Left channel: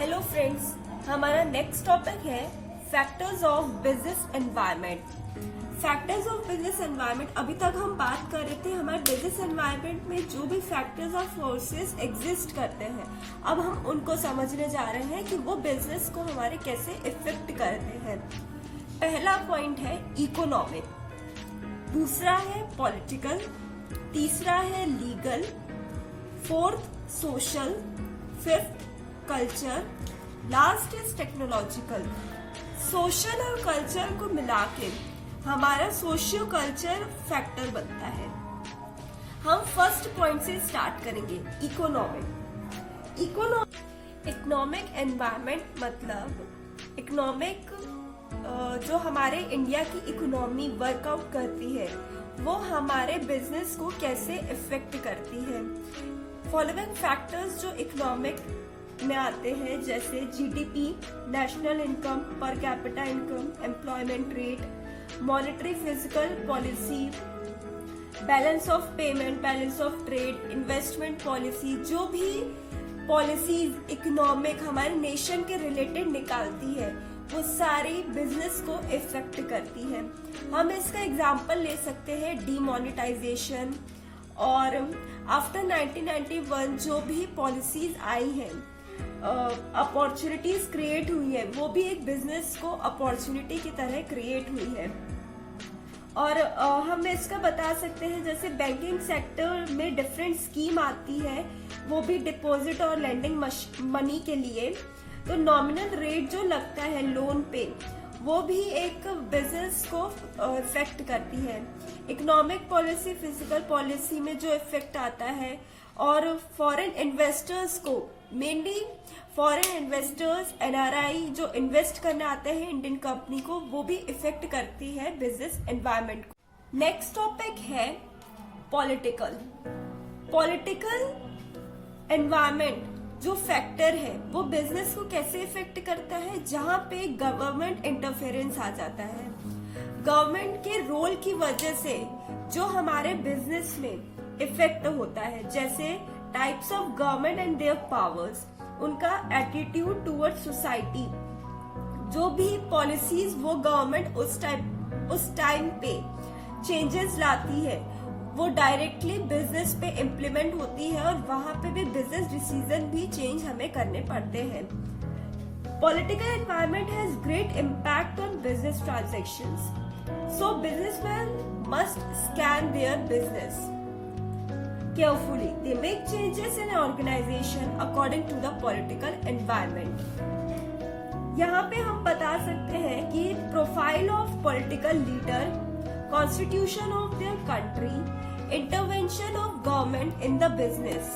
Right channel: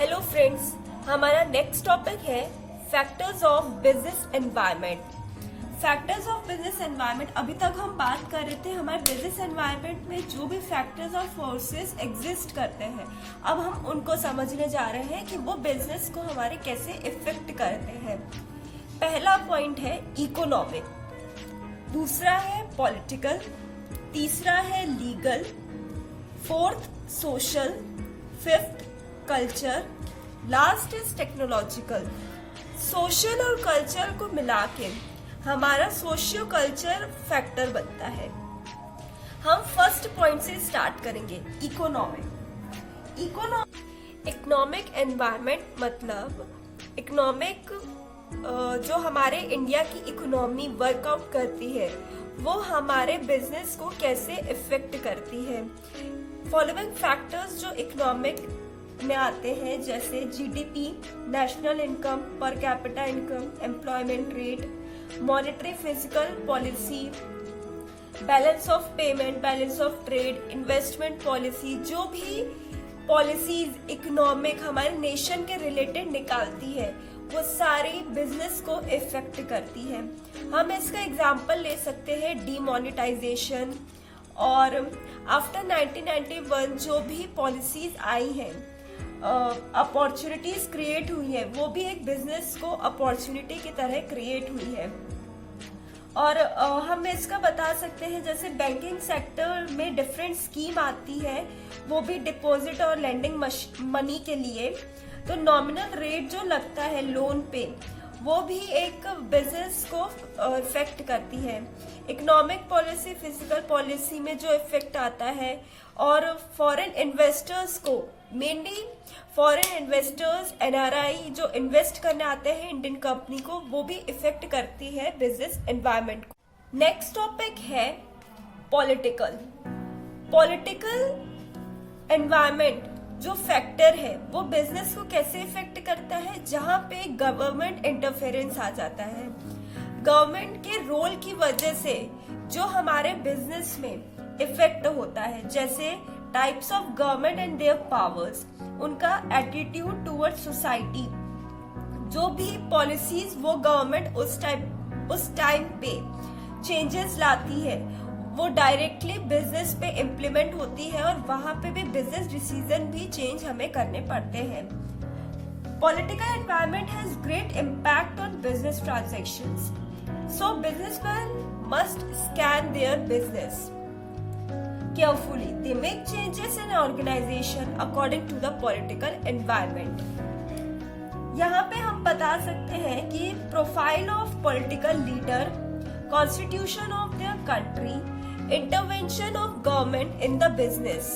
Hello friends, हमारा next topic है factors of business environment. Factors of business environment, अभी तक हम बात कर रहे थे हमारे बिजनेस एनवायरनमेंट में जो भी फैक्टर्स और फोर्सेस एग्जिस्ट करते हैं। अब हम उनको समझने जा रहे हैं कि वो बिजनेस को हमारे कैसे इफेक्ट करते हैं। पहला पॉइंट है इकोनॉमिक, दूसरा है पॉलिटिकल, तीसरा है legal, fourth social, fifth culture, last is technological. Social और कल्चर को मिला के हमारा सोशियो कल्चर फैक्टर बनता है। हम फर्स्ट पॉइंट से स्टार्ट करेंगे, इकोनॉमिक। इकोनॉमिक एनवायरनमेंट मतलब इकोनॉमिक जो हमारे इंडिया की इकोनॉमी वर्कआउट करती है वो हमारे बिजनेस को कैसे इफेक्ट करती है। फॉलोइंग फैक्टर्स जो इकोनॉमिक में आते हैं जैसे GDP, national income, per capita income, employment rate, monetary physical policy, balance of payment, balance of trade, investment policy, जो भी पॉलिसीज इकोनॉमिक हमारे नेशन के रिलेटेड निकालती है वो सारी बिजनेस को इफेक्ट करती है। हम इसका एग्जांपल ले सकते हैं डीमोनेटाइजेशन, और आफ्टर 1991 जो भी पॉलिसीज आई हैं, अपॉर्चुनिटीज क्रिएट हुई है, वो भी एक बिजनेस को अपॉर्चुनिटी की तरह क्रिएट हुई है। और हम इसका बता सकते हैं जैसे बैंकिंग सेक्टर में डिफरेंट स्कीम आती है, वो भी डिपॉजिट और लेंडिंग मनी के लिए। तो नॉमिनल रेट जो लगता है लोन पे वो भी एक बिजनेस को इफेक्ट करती है। इकोनॉमिक पॉलिसी, फिजिकल पॉलिसी में जो इफेक्ट आता है, और फॉरेन इन्वेस्टर्स को, मेनली फॉरेन इन्वेस्टर्स एनआरआई जो इन्वेस्ट करने आते हैं इंडियन कंपनी को, वो भी इफेक्ट करती है बिजनेस एनवायरनमेंट को। नेक्स्ट टॉपिक है पॉलिटिकल एनवायरनमेंट जो फैक्टर है वो बिजनेस को कैसे इफेक्ट करता है, जहां पे गवर्नमेंट इंटरफेरेंस आ जाता है। गवर्नमेंट के रोल की वजह से जो हमारे बिजनेस में इफेक्ट होता है, जैसे types of government and there powers, उनका एटीट्यूड टुवर्ड सोसाइटी, जो भी पॉलिसीज वो गवर्नमेंट उस टाइम पे चेंजेस लाती है वो डायरेक्टली बिजनेस पे इम्प्लीमेंट होती है, और वहां पे भी बिजनेस डिसीजन भी चेंज हमें करने पड़ते हैं। Political environment has great impact on business transactions, so businessman must scan their business carefully. They make changes in organization according to the political environment. यहाँ पे हम बता सकते हैं कि profile of political leader, constitution of their country, intervention of government in the business.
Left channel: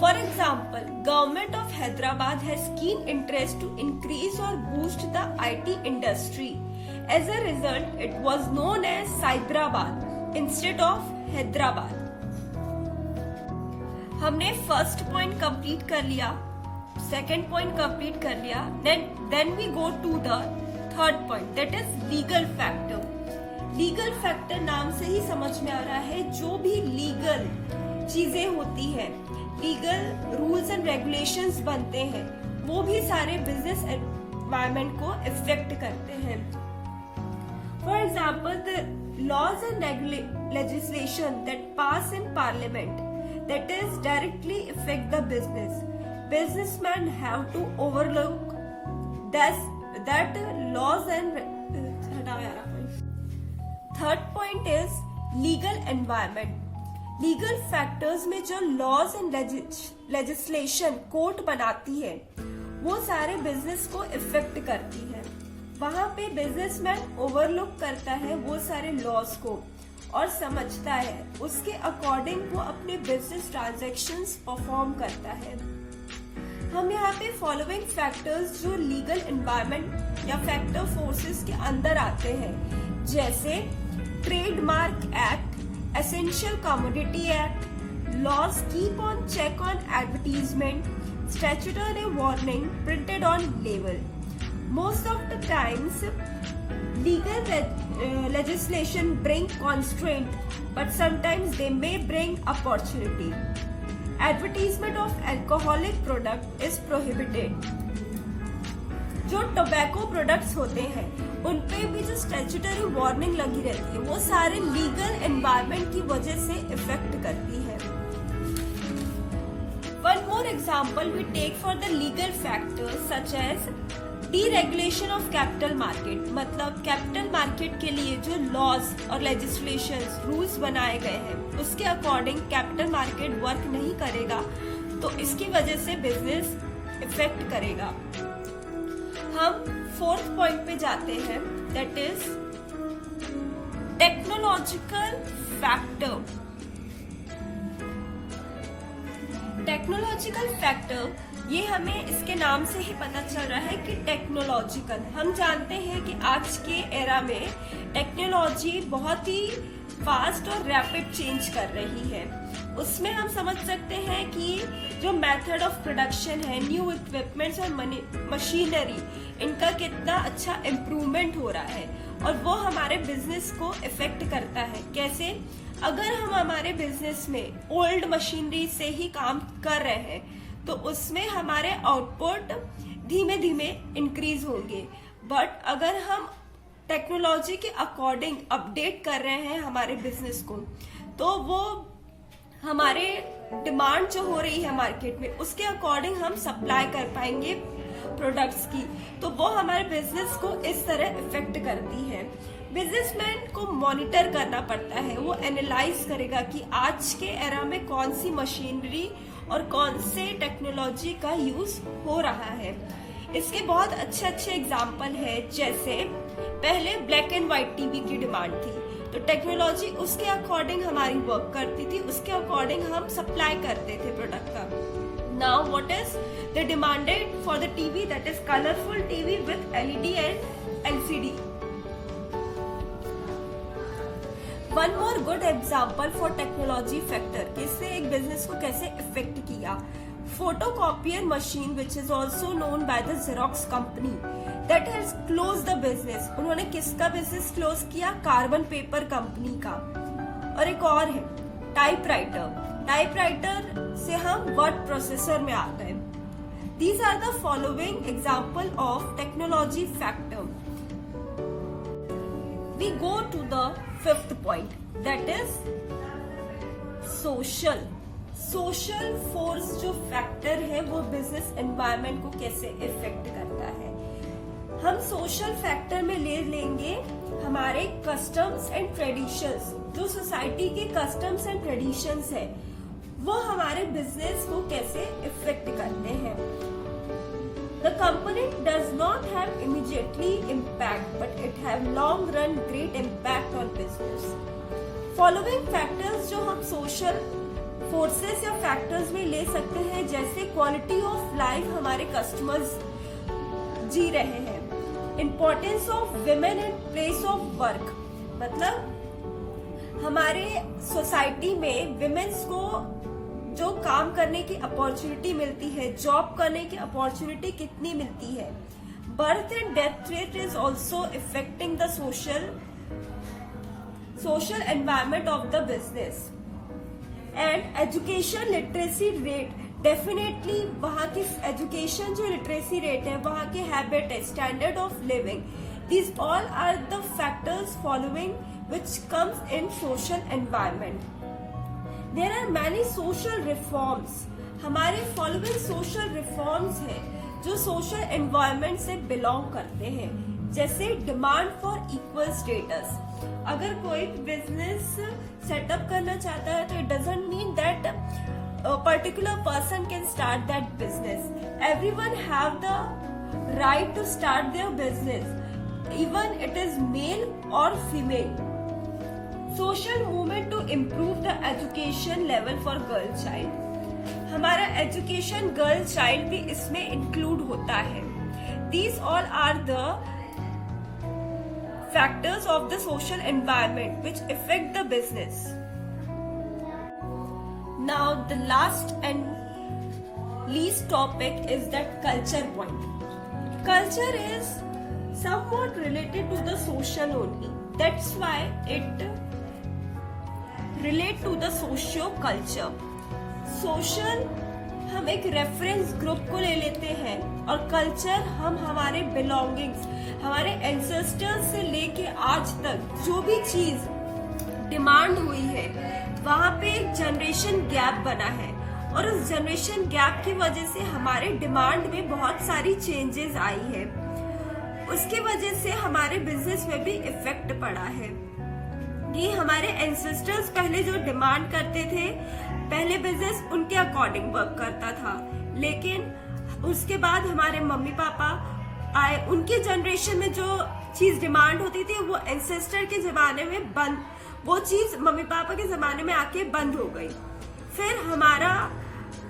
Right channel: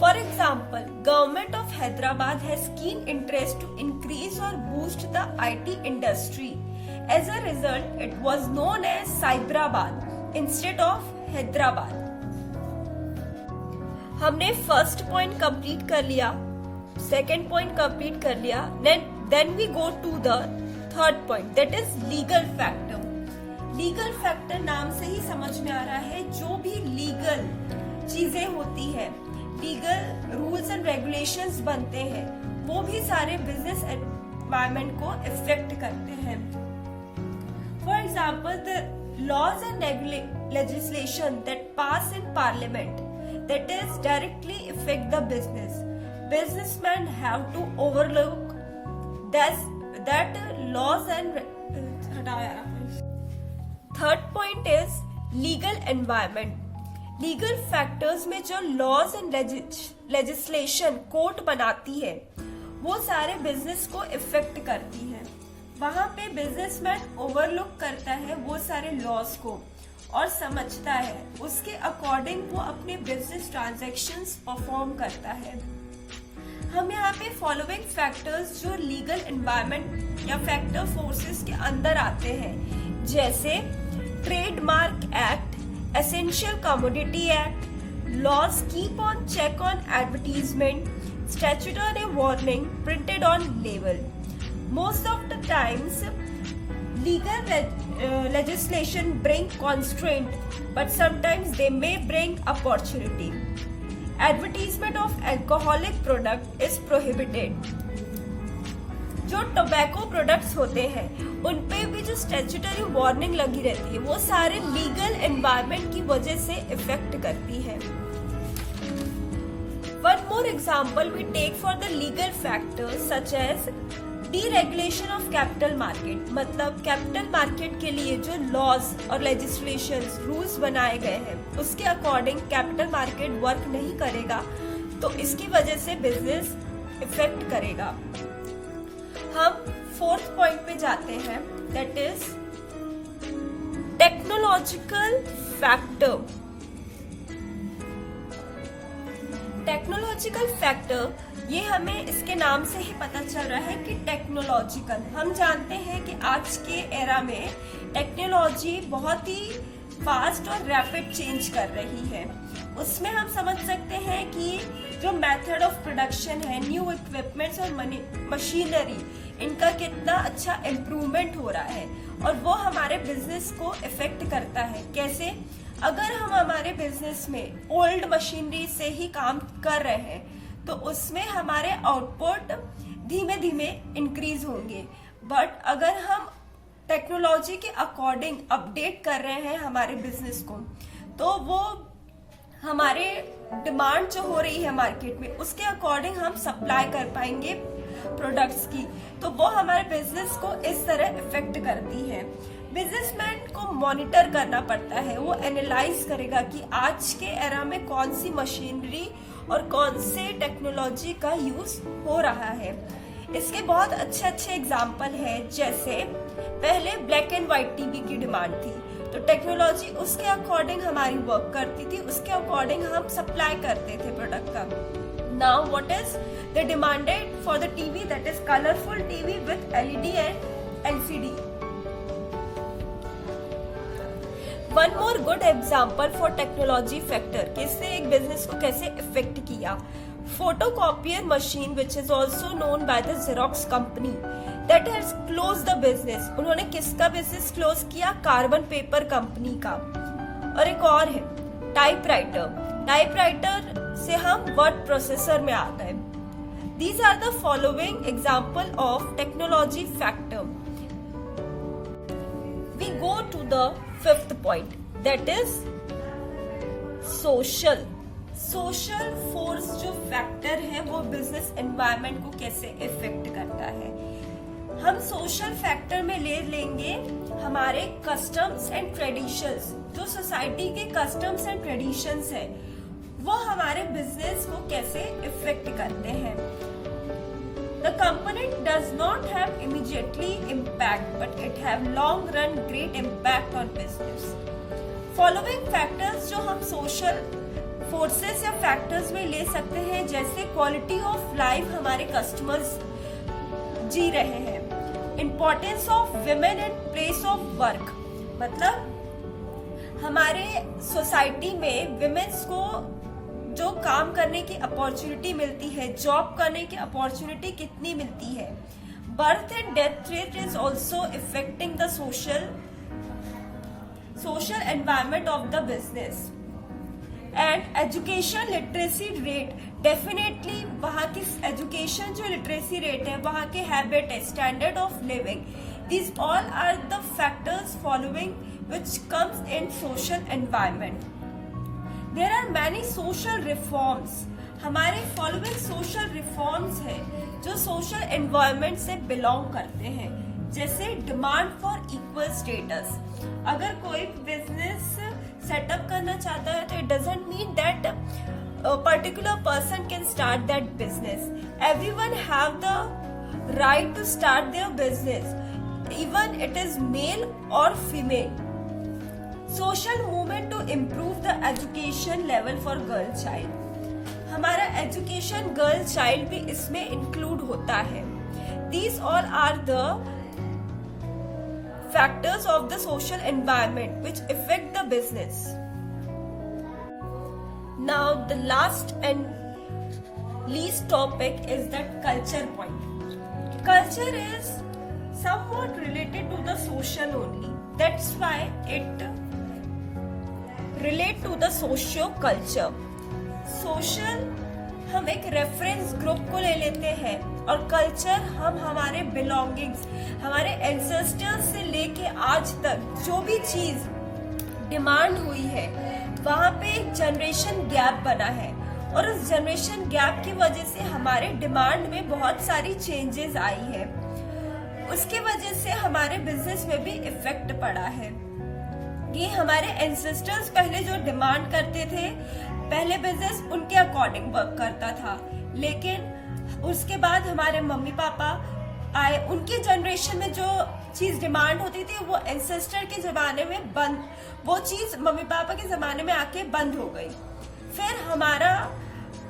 For example, government of Hyderabad has keen interest to increase or boost the IT industry. As a result, it was known as Cyberabad instead of Hyderabad. हमने first point complete कर लिया, second point complete कर लिया, then we go to the third point, that is legal factor. Legal factor नाम से ही समझ में आ रहा है जो भी लीगल चीजें होती है, लीगल रूल्स एंड रेगुलेशंस बनते हैं, वो भी सारे बिजनेस एनवायरनमेंट को इफेक्ट करते हैं। For example, the laws and legislation that pass in parliament that is directly affect the business. Businessmen have to overlook that laws and third point is legal environment. Legal factors में जो laws and legislation court बनाती है वो सारे business को effect करती है। वहां पे बिजनेसमैन ओवरलुक करता है वो सारे लॉस को और समझता है, उसके अकॉर्डिंग वो अपने बिजनेस ट्रांजैक्शंस परफॉर्म करता है। हम यहाँ पे फॉलोइंग फैक्टर्स जो लीगल एनवायरनमेंट या फैक्टर फोर्सेस के अंदर आते हैं, जैसे trademark act, essential commodity act, laws keep on check on advertisement, statutory warning printed on label. Most of the times, legal legislation bring constraint, but sometimes they may bring opportunity. Advertisement of alcoholic product is prohibited. जो tobacco products होते हैं उनपे भी जो statutory warning लगी रहती है वो सारे लीगल एनवायरनमेंट की वजह से इफेक्ट करती है। One more example we take for the legal factors such as deregulation of capital market. मतलब कैपिटल मार्केट के लिए जो लॉज और लेजिस्लेशंस रूल्स बनाए गए हैं उसके अकॉर्डिंग कैपिटल मार्केट वर्क नहीं करेगा तो इसकी वजह से बिजनेस इफेक्ट करेगा। हम फोर्थ पॉइंट पे जाते हैं, that is technological factor. Technological factor ये हमें इसके नाम से ही पता चल रहा है कि टेक्नोलॉजिकल। हम जानते हैं कि आज के एरा में टेक्नोलॉजी बहुत ही फास्ट और रैपिड चेंज कर रही है। उसमें हम समझ सकते हैं कि जो मेथड ऑफ प्रोडक्शन है, न्यू इक्विपमेंट्स और मशीनरी, इनका कितना अच्छा इम्प्रूवमेंट हो रहा है और वो हमारे बिजनेस को इफेक्ट करता है। कैसे? अगर हम हमारे बिजनेस में ओल्ड मशीनरी से ही काम कर रहे हैं तो उसमें हमारे आउटपुट धीमे धीमे इंक्रीज होंगे, बट अगर हम टेक्नोलॉजी के अकॉर्डिंग अपडेट कर रहे हैं हमारे बिजनेस को तो वो हमारे डिमांड जो हो रही है मार्केट में उसके अकॉर्डिंग हम सप्लाई कर पाएंगे प्रोडक्ट्स की, तो वो हमारे बिजनेस को इस तरह इफेक्ट करती है। बिजनेसमैन को मॉनिटर करना पड़ता है, वो एनालाइज करेगा कि आज के एरा में कौन सी मशीनरी और कौन से टेक्नोलॉजी का यूज हो रहा है। इसके बहुत अच्छे अच्छे एग्जाम्पल है, जैसे पहले ब्लैक एंड व्हाइट टीवी की डिमांड थी तो टेक्नोलॉजी उसके अकॉर्डिंग हमारी वर्क करती थी, उसके अकॉर्डिंग हम सप्लाई करते थे प्रोडक्ट का। Now what is the demanded for the TV, that is colourful TV with LED and LCD. One more good example for technology factor कि इसने एक बिजनेस को कैसे इफेक्ट किया। Photocopier machine which is also known by the xerox company that has close the business. उन्होंने किसका business close किया? Carbon paper company का। और एक और है टाइपराइटर। टाइपराइटर से हम वर्ड प्रोसेसर में आ गए। These are the following example of technology factor. We go to the fifth point, that is social. Social force जो फैक्टर है वो बिजनेस एनवायरनमेंट को कैसे इफेक्ट करता है। हम सोशल फैक्टर में ले लेंगे हमारे कस्टम्स एंड ट्रेडिशंस। जो सोसाइटी के कस्टम्स एंड ट्रेडिशंस है वो हमारे बिजनेस को कैसे इफेक्ट करते हैं। The component does not have immediately impact, but it have long run great impact on business. Following factors जो हम social forces या factors में ले सकते हैं, जैसे quality of life हमारे customers जी रहे हैं, importance of women in place of work, मतलब हमारे सोसाइटी में विमेन्स को जो काम करने की अपॉर्चुनिटी मिलती है, जॉब करने की अपॉर्चुनिटी कितनी मिलती है। Birth and death rate is also affecting the social environment of the business. And education literacy rate, definitely वहाँ की एजुकेशन जो लिटरेसी रेट है, वहाँ के हैबिट है, standard of living, these all are the factors following which comes in social environment. There are many social reforms. हमारे following social reforms है जो social environment से belong करते हैं, जैसे demand for equal status. अगर कोई business setup करना चाहता है तो it doesn't mean that a particular person can start that business. Everyone have the right to start their business, even it is male or female. Social movement to improve the education level for girl child. हमारा education girl child भी इसमें include होता है. These all are the factors of the social environment which affect the business. Now the last and least topic is that culture point. Culture is somewhat related to the social only. That's why it relate to the socio-culture. Social हम एक reference group को ले लेते हैं और culture हम हमारे belongings, हमारे एंसेस्टर्स से लेके आज तक जो भी चीज डिमांड हुई है वहाँ पे एक जनरेशन गैप बना है और उस जनरेशन गैप की वजह से हमारे डिमांड में बहुत सारी चेंजेस आई है। उसकी वजह से हमारे बिजनेस में भी इफेक्ट पड़ा है। ये हमारे एंसेस्टर्स पहले जो डिमांड करते थे, पहले बिजनेस उनके अकॉर्डिंग वर्क करता था, लेकिन उसके बाद हमारे मम्मी पापा आए, उनकी जनरेशन में जो चीज डिमांड होती थी वो एंसेस्टर के जमाने में बंद, वो चीज मम्मी पापा के जमाने में आके बंद हो गई। फिर हमारा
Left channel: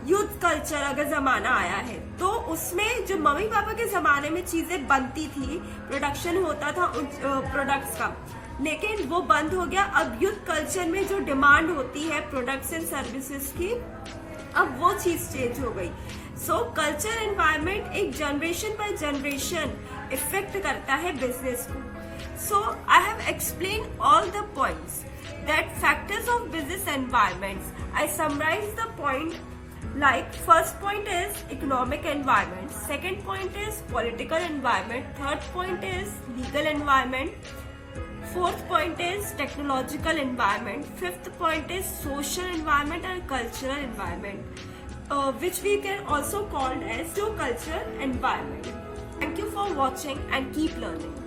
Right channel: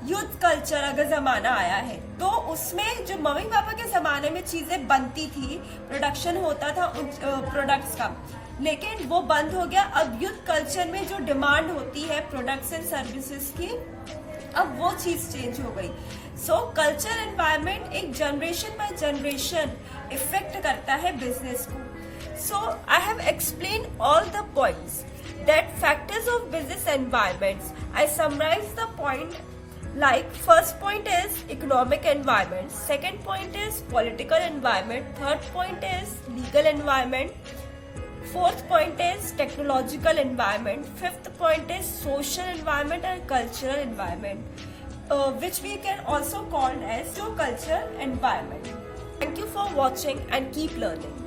यूथ कल्चर अगर जमाना आया है तो उसमें जो मम्मी पापा के जमाने में चीजें बनती थी, प्रोडक्शन होता था उन प्रोडक्ट्स का, लेकिन वो बंद हो गया। अब यूथ कल्चर में जो डिमांड होती है प्रोडक्ट्स एंड सर्विसेज की, अब वो चीज चेंज हो गई। सो कल्चर एनवायरनमेंट एक जनरेशन बाय जनरेशन इफेक्ट करता है बिजनेस को। So I have explain all the points that factors of business environments. I summarise the point like first point is economic environment, second point is political environment, third point is legal environment, fourth point is technological environment, fifth point is social environment and cultural environment, which we can also call as socio-cultural environment. Thank you for watching and keep learning.